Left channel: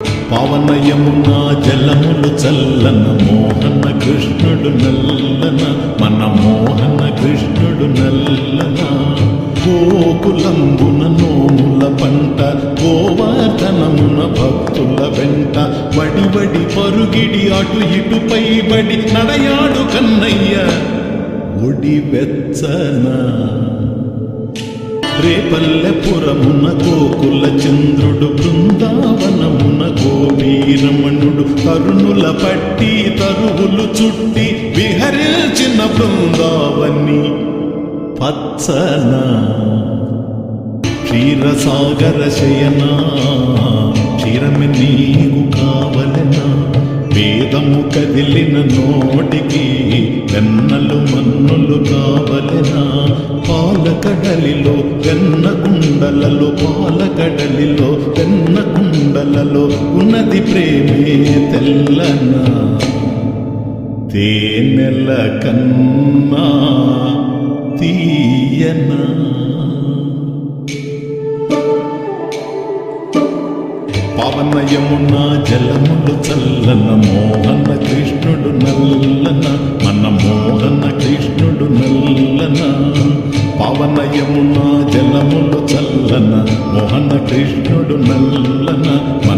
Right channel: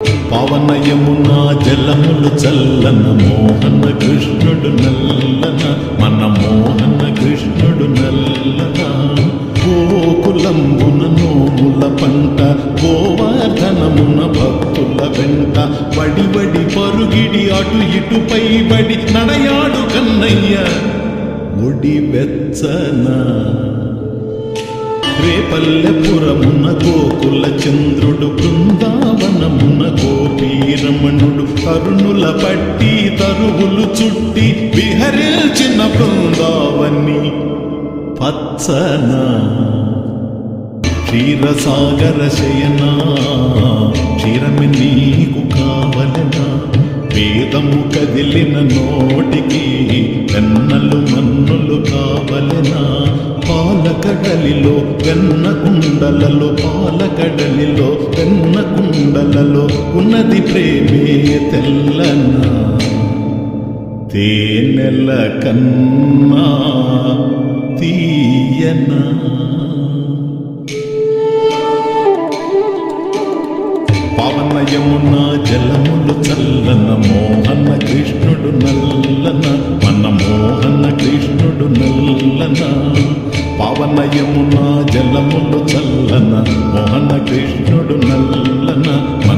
పావన యమునా జలములు చల్లన మోహన కృష్ణుడు నల్లన మన మోహన కృష్ణుడు నల్లన గోకులంబున నోముల పంట గోవర్ధనమున భక్తుల వెంట వడి వడి పరుగిడి అటు ఇటు పైబడి నడయాడు కన్నయ్య ఒడి వెచ్చనా రేపల్లెపురమున గోకుల చంద్రుడు బృందావనమున గోపీరమణుడు తరుణుల పట్టి తరువులు చుట్టి విహరించిన బృందావని పచ్చన క్షీరసాగర శయనా క్షీరమి నీకు కావలెనా వేదము కదిలిన నోటికి వెన్నలు మన్నులు కావలెనా పాలకడలిలో వెన్న కుండలలో పాలకడలిలో వెన్న కుండలలో ఉన్నది ప్రేమే తెల్లనా తేనెల కన్నా తీయనా పావన యమునా జలములు చల్లన మోహన కృష్ణుడు నల్లన మన మోహన కృష్ణుడు నల్లన పావన యమునా జలములు చల్లన మోహన కృష్ణుడు నల్లన మన